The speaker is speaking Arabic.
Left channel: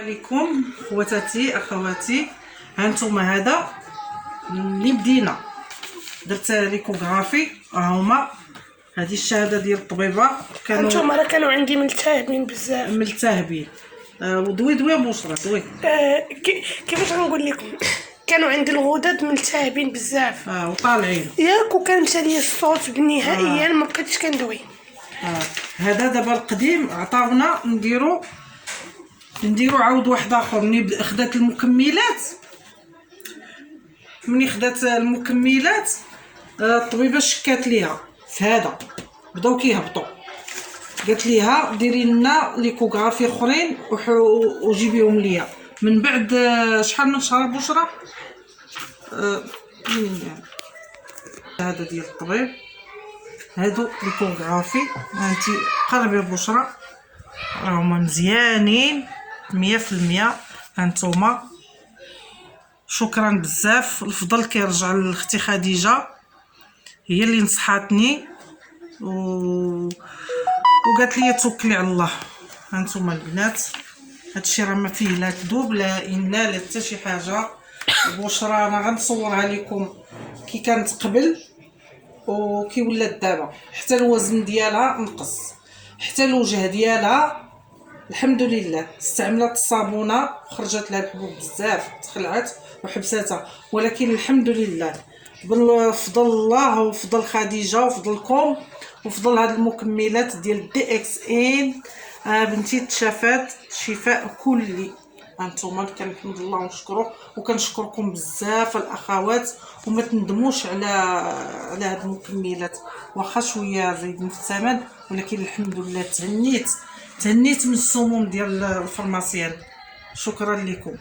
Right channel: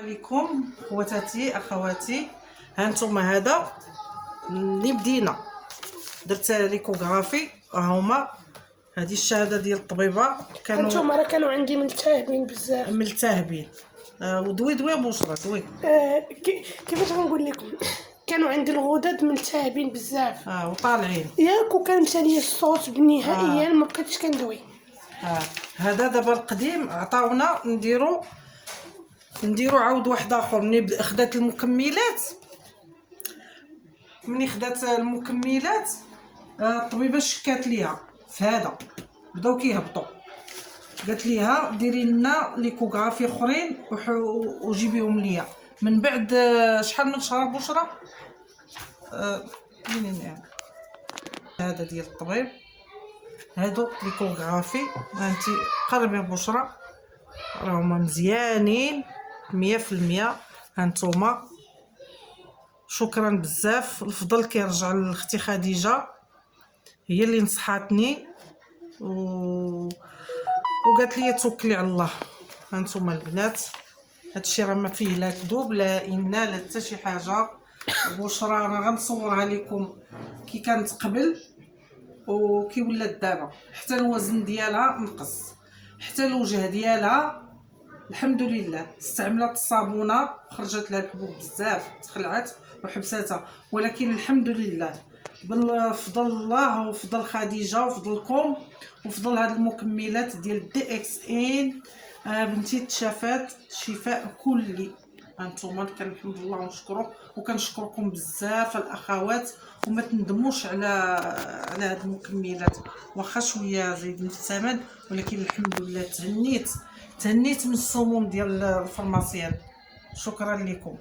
عليكم خواتاتي اخواتي، هانتوما هذا اللي بدينا درت ليكوغرافي. ها هما هذه الشهاده ديال الطبيبه. هانتوما راه كانوا عندي ملتهبين بزاف ملتهبين. ودوي بشرى دوي. كيفاش غنقول لكم، كانوا عندي الغدد ملتهبين بزاف وطالعين ياك، وكان مشى ليا الصوت نهائيا ما بقيتش كندوي. هذا دابا القديم عطاونا نديرو عاود واحد اخر. مني خدات المكملات، الطبيبه شكات ليها في هذا، بداو كيهبطوا. قالت ليها ديري لنا ليكوغرافي اخرين وجيبيهم ليا. من بعد شحال من شهر بشرى هذا ديال الطبيب، هادو ليكوغرافي. هانتي قربي بشرى راهما مزيانين 100%. هانتوما شكرا بزاف. الفضل كيرجع لاختي خديجه، هي اللي نصحاتني وقالت لي توكلي على الله. هانتوما البنات، هادشي راه ما فيه لا كذوب لا لا حتى شي حاجه. بشرى انا غنصورها لكم كي كانت قبل وكي ولات دابا. حتى الوزن ديالها نقص، حتى الوجه ديالها الحمد لله. استعملت الصابونه خرجت لها الحبوب بزاف، تخلعت وحبساتها، ولكن الحمد لله بفضل الله وفضل خديجه وفضلكم وفضل هاد المكملات ديال دي اكس ان. بنتي تشافات شفاء كلي. هانتوما كنحمد الله ونشكره، وكنشكركم بزاف الاخوات. وما تندموش على هاد المكملات، واخا شويه زايدين في الثمن، ولكن الحمد لله تهنيت من السموم ديال الفرماسيان. شكرا لكم.